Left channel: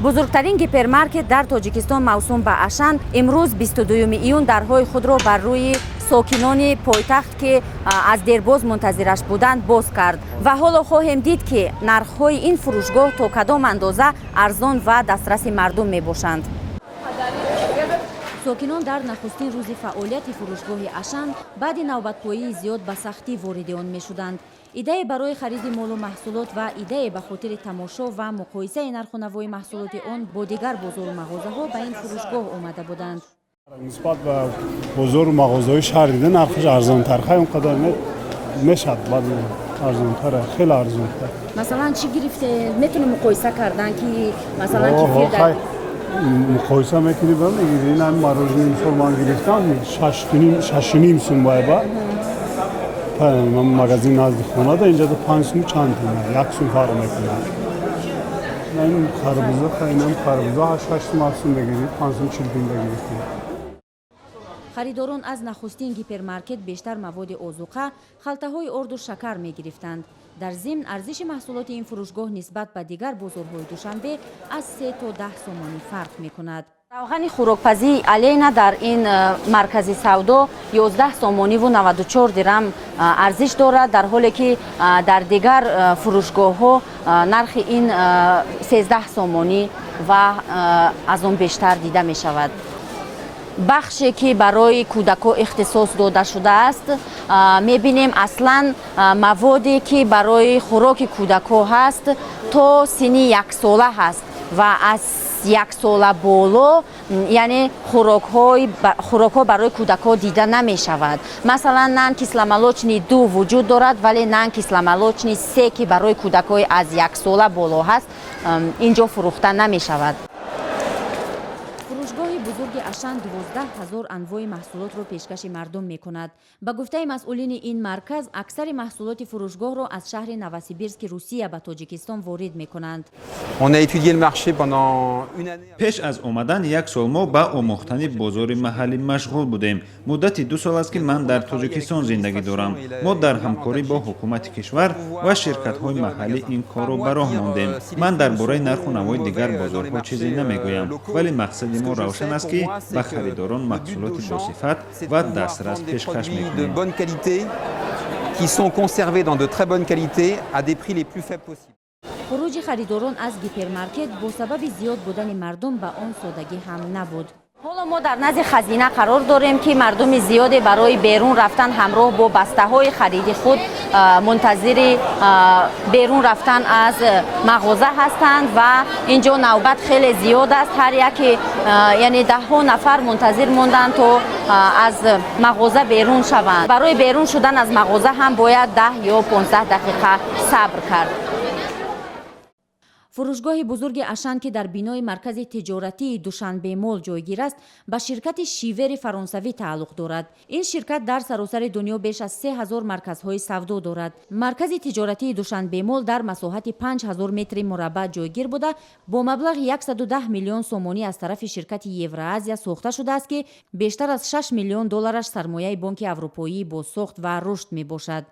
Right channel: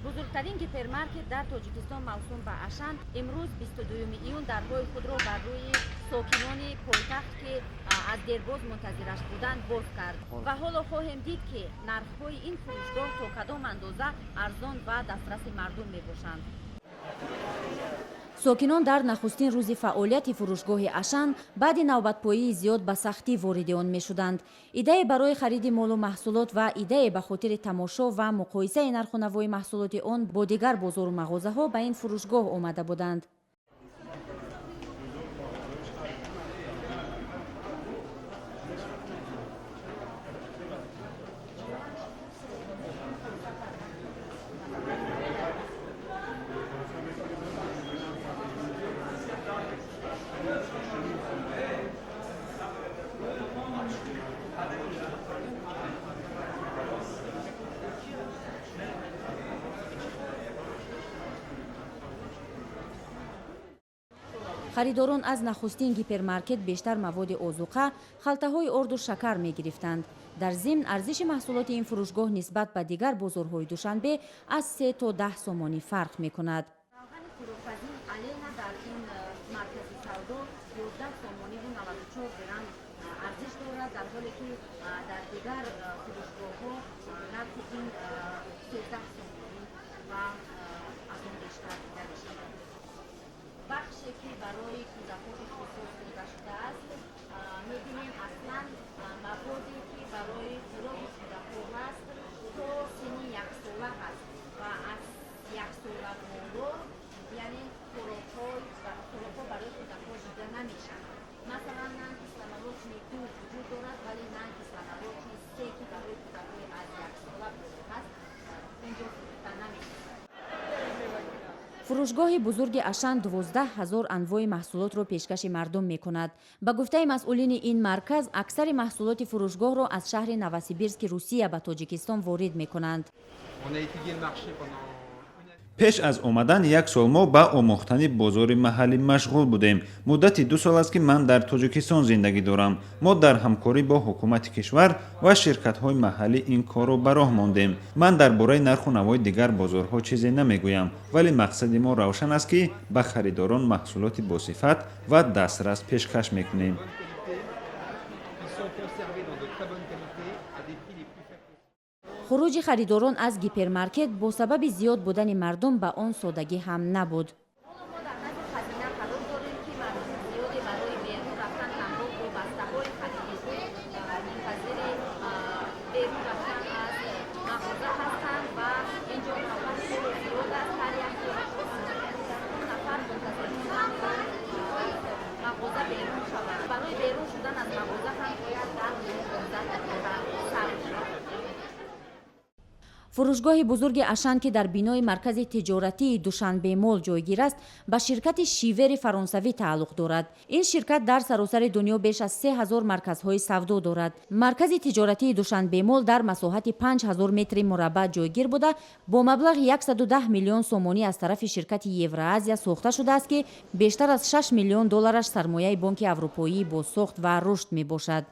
бузургтарин гипермаркет дар тоҷикистон мавсум ба Ашан имрӯз 22 июн дарҳои худро бар рӯи сокинони пойтахт ки аз дербоз мунтазираш буданд боз кард ва ҳоло хоҳем дид ки нархҳои ин фурӯшгоҳ то кадом андоза арзон ва дастраси мардум мебошанд. сокинон дар нахустин рӯзи фаъолияти фурӯшгоҳи Ашан баъди навбатпоии зиёд ба сахтӣ вориди он мешуданд. идея барои хариди молу маҳсулот ва идея ба хотири тамошо ва муқоисаи нарху навои маҳсулоти он бо дигар бозору мағозаҳо ба ин фурӯшгоҳ омада буданд. нисбат ба бозору мағозаҳои шаҳр дида нархаш арзонтар хай он қадар мешад баъд арзонтар хеле арзонтар. масалан чӣ гирифте метуни муқоиса кардан ки масалан кифир муқоиса мекунӣ бамегирӣ ин ҳам мороженое мисол ман гирифтам 6.5 сум байба ман магазин назди хона да инҷа 5 сум чанд туман 1 сум фарқ мекунад. ин харбуза хайнам харбуза 8 сум 7 сум бегирӣ 5 сум 40 тум бегирӣ. харидорон аз нахустин гипермаркет бештар маводи озуқа, халтаҳои орду шакар мегирифтанд. дар зимн арзиши маҳсулоти ин фурӯшгоҳ нисбат ба дигар бозорҳои душанбе аз 3 то 10 сомонӣ фарқ мекунад. равғани хӯрокпазии алейна дар ин маркази савдо 11 сомониву 94 дирам арзиш дорад, дар ҳоле ки дар дигар фурӯшгоҳҳо нархи ин 13 сомонӣ ва аз он бештар дида мешавад. бахше ки барои кӯдакон ихтисос дода шудааст мебинем аслан маводе ки барои хӯроки кӯдакон ҳаст то синни 1 сола ҳаст ва аз 1 сола боло яъне хӯрокҳо барои кӯдакон дида намешавад. масалан нан кисламолочни 2 вуҷуд дорад, вале нан кисламолочни 3 ки барои кӯдакони аз 1 сола боло ҳаст инҷо фурӯхта намешавад. фурӯшгоҳи бузурги Ашан 12 000 анвои маҳсулотро пешкаши мардум мекунад. ба гуфтаи масъулини ин марказ, аксари маҳсулоти фурӯшгоҳро аз шаҳри Новосибирски Русия ба Тоҷикистон ворид мекунанд. пеш аз омадан 1 сол мо ба омӯхтани бозори маҳаллӣ машғул будем. муддати 2 сол аст ки ман дар Тоҷикистон зиндагӣ дорам. мо дар ҳамкорӣ бо ҳукумати кишвар ва ширкатҳои маҳаллӣ ин корро ба роҳ мондем. ман дар бораи нарху навои дигар бозорҳо чизе намегӯям, вале мақсади мо равшан аст ки ба харидорон маҳсулоти босифат ва дастрас пешкаш мекунем. хуруҷи харидорон аз гипермаркет бо сабаби зиёд будани мардум ба он содагӣ ҳам набуд. ҳоло мо дар назди хазина қарор дорем ки мардуми зиёде барои берун рафтан ҳамроҳ бо бастаҳои хариди худ мунтазири берун рафтан аз мағоза ҳастанд ва инҷо навбат хеле зиёд аст. ҳар яке яъне даҳҳо нафар мунтазир монданд то аз мағоза берун шаванд. барои берун шудан аз мағоза ҳам бояд 10 ё 15 дақиқа сабр кард. фурӯшгоҳи бузурги Ашан ки дар бинои маркази тиҷоратии Душанбе мол ҷойгир аст, ба ширкати Шивери фаронсавӣ тааллуқ дорад. ин ширкат дар саросари дунё беш аз 3000 марказҳои савдо дорад. маркази тиҷоратии Душанбе мол дар масоҳати 5000 метри мураббаъ ҷойгир буда бо маблағи 110 миллион сомонӣ аз тарафи ширкати Евроазия сохта шудааст ки бештар аз $6 миллион сармояи Бонки Аврупоӣ бо сохт ва рушд мебошад.